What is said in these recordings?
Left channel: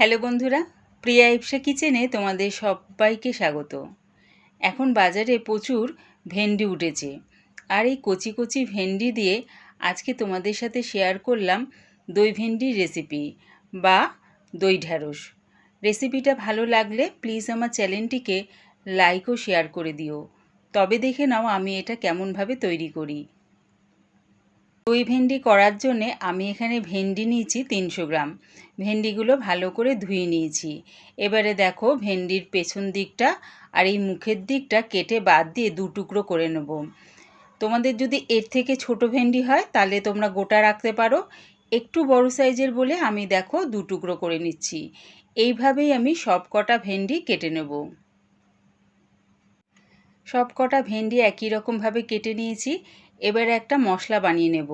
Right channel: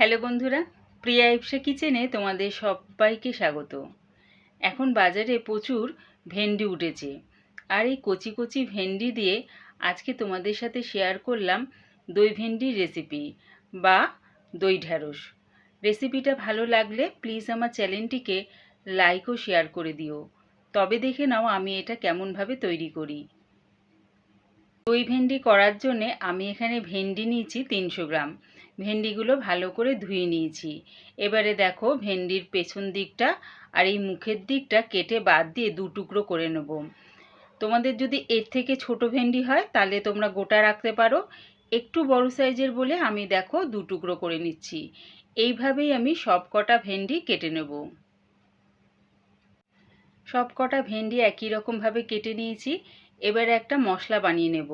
Hello বন্ধুরা, প্রিয়া ইপসা কিচেনে তোমাদের সবাইকে স্বাগত। এখন বাজারে প্রচুর ভেন্ডি উঠেছে আর এই কচি কচি ভেন্ডি দিয়ে আজকে তোমাদের সাথে শেয়ার করলাম দই ভেন্ডির রেসিপি বা দই ঢ্যাঁড়স রেসিপিটা ভালো লাগলে প্লিজ আমার চ্যানেলটিকে লাইক ও শেয়ার করে দিও। তবে দেখে নাও আমি এটা কেমনভাবে তৈরি করি। দই ভেন্ডি করার জন্যে আমি এখানে ভেন্ডি নিয়েছি তিনশো গ্রাম। ভেন্ডিগুলো ভালো করে ধুয়ে নিয়েছি। এবারে দেখো ভেন্ডির পেছন দিকটা আর এই মুখের দিকটা কেটে বাদ দিয়ে দু টুকরো করে নেব। তোমাদের যদি এর থেকে ছোট ভেন্ডি হয় তাহলে তোমরা গোটা রাখতে পারো। একটু বড় সাইজের বলে আমি দেখো দু টুকরো করে নিচ্ছি। এইভাবেই আমি সব কটা ভেন্ডি কেটে নেব। সব কটা ভেন্ডি একই রকমভাবে কেটে নিয়েছি। এবারে একটা মশলা বানিয়ে নেব।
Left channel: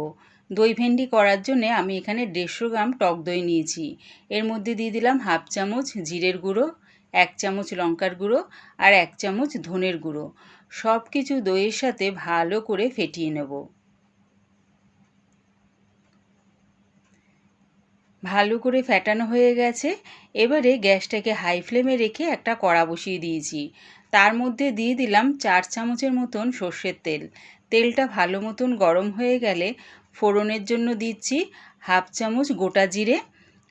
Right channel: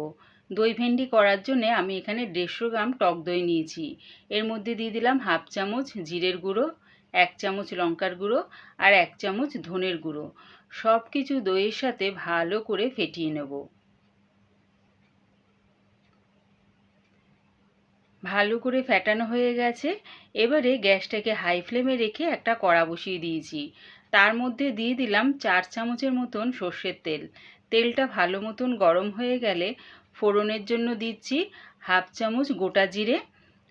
দই ভেন্ডি করার জন্যে আমি এখানে দেড়শো গ্রাম টক দই নিয়েছি। এর মধ্যে দিয়ে দিলাম হাফ চামচ জিরের গুঁড়ো, এক চামচ লঙ্কার গুঁড়ো আর এক চামচ ধনের গুঁড়ো। সব কিছু দইয়ের সাথে ভালো করে ফেটিয়ে নেব। ভালো করে ফেটানো হয়ে গেছে। এবারে গ্যাসটাকে হাই ফ্লেমে রেখে একটা কড়া বসিয়ে দিয়েছি। তার মধ্যে দিয়ে দিলাম চার চামচের মতন সর্ষের তেল। তেলটা ভালো মতন গরম হয়ে গেলে ফোড়নের জন্য দিচ্ছি হাফ চামচ গোটা জিরে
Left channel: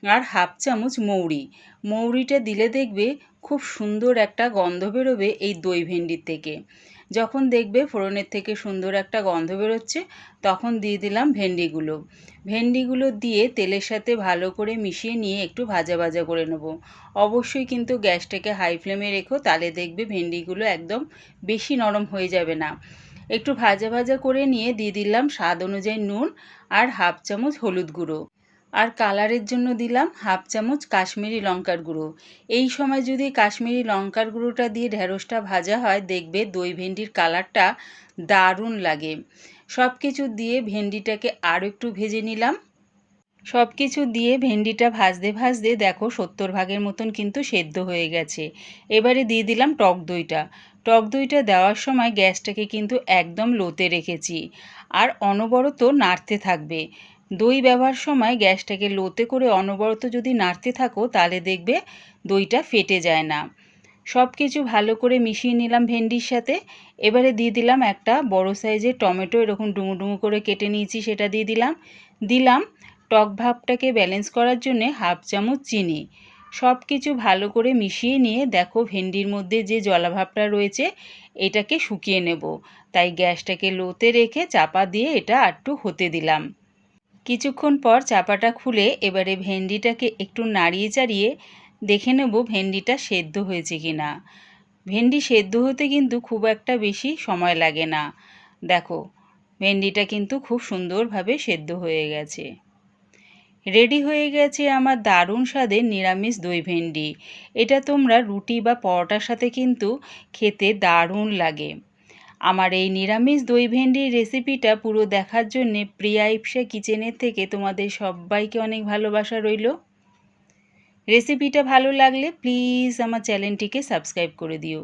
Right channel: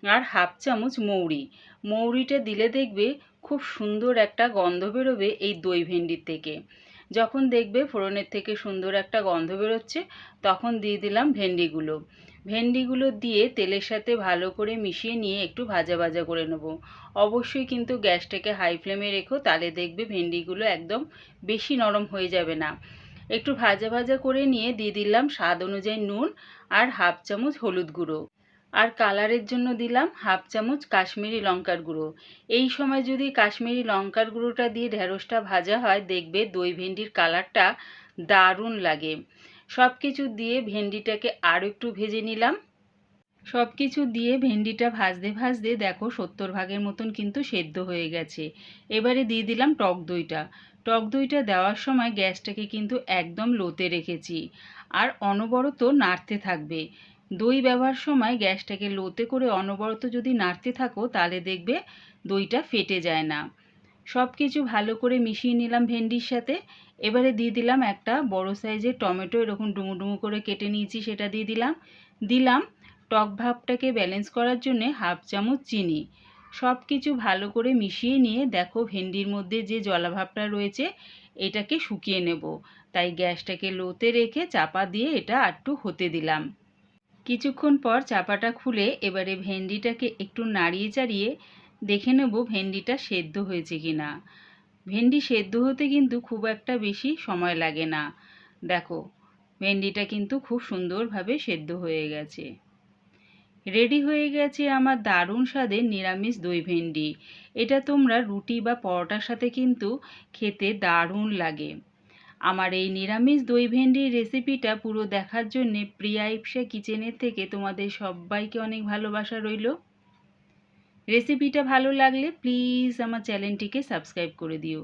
আর হাফ চামচ মৌরি। মৌরিটা দিলে দেখবে খুব সুন্দর একটা গন্ধ বেরোবে এই দই ভেন্ডির থেকে। যখন দেখবে ফোড়নের থেকে সুন্দর একটা গন্ধ বেরোচ্ছে, তখন দিয়ে দিলাম ভেন্ডিগুলো। ভেন্ডিগুলো দিয়ে তেলের সাথে ভালো করে মিশিয়ে নিয়ে একটু ভাজা ভাজা করে নেব। অবশ্যই কিন্তু গ্যাসটাকে হাই ফ্লেমে রেখো, তাহলে দেখবে ভেন্ডিগুলো একদম বেশি নরম হয়ে যাবে না। একটু ভাজা ভাজা করে নিয়ে দিয়ে দিলাম স্বাদ অনুযায়ী নুন আর হাফ চামচ হলুদ গুঁড়ো। আর কালারের জন্য দিলাম হাফ চামচ কাশ্মীরি লঙ্কার গুঁড়ো। এই সময় যদি কাশ্মীরি লঙ্কার গুঁড়োটা দিয়ে ঢেঁড়সটা ভাজা হয়, দেখবে দই ভেন্ডির কালারটা দারুণ লাগে। সব কিছু দিয়ে ভেন্ডিটাকে আরও একটু ভেজে নিলাম। সব কিছু দিয়ে ভেন্ডিটা ভাজতে ভাজতে দেখো সত্তর ভাগের মতন কিন্তু সেদ্ধ হয়ে গেছে। এবারে দিয়ে দিলাম টক দইটা। টক দইটা দেওয়ার সময় গ্যাসটাকে কিন্তু একদম লোতে রেখেছি আর অনবরত নাড়তে থাকবে। দই ব্যবহার সময় গ্যাসটাকে লোতে করে অনবরত যদি নাড়তে থাকো তাহলে দেখবে দইটা ফেটে যায় না। সব কিছু ভালো করে মিশিয়ে নিলাম ভেন্ডির সাথে। এবারে দিয়ে দিলাম একটা বড় সাইজের টমেটো, এরকম ডুমু ডুমু করে কেটে নিয়েছি সেটা দিয়ে দিলাম। দিলাম টক ভাবটাকে ব্যালেন্স করার জন্যে হাফ চামচ চিনি। সব কিছু ভালো করে মিশিয়ে নিয়ে দেখো ভেন্ডির মধ্যে যে জলাভাবটা রয়েছে, এটাকে শুকিয়ে নেব। তাই গ্যাসটাকে লোতে রেখে চাপা দিয়ে এটা একটু হতে দিলাম। কিছুক্ষণ পর চাপাটা খুলে এবারে ভেন্ডিটাকে একটু নাড়িয়ে চাড়িয়ে দেখে নেব ভেন্ডিটা সেদ্ধ হয়েছে কি না ভেন্ডি সেদ্ধ হতে কিন্তু খুব একটা বেশি সময় লাগে না। দেখো, ভেন্ডিটা কিন্তু খুব সুন্দরভাবে সেদ্ধ হয়ে গেছে। রেডি হয়ে গেছে আমার দারুণ স্বাদের নিরামিষ দই ভেন্ডি। এটা তোমরা রুটি বা পরোটার সাথে কিন্তু খেতে দারুণ লাগে। আমার এই নিরামিষ দই ভেন্ডির রেসিপিটা পুরো দেখার জন্যে প্রিয়া ইপসা কিচেনের থেকে তোমাদের সবাইকে অনেক ভালোবাসা রইল। রেসিপিটা ভালো লাগলে প্লিজ আমার চ্যানেলটিকে সাবস্ক্রাইব করে দিও।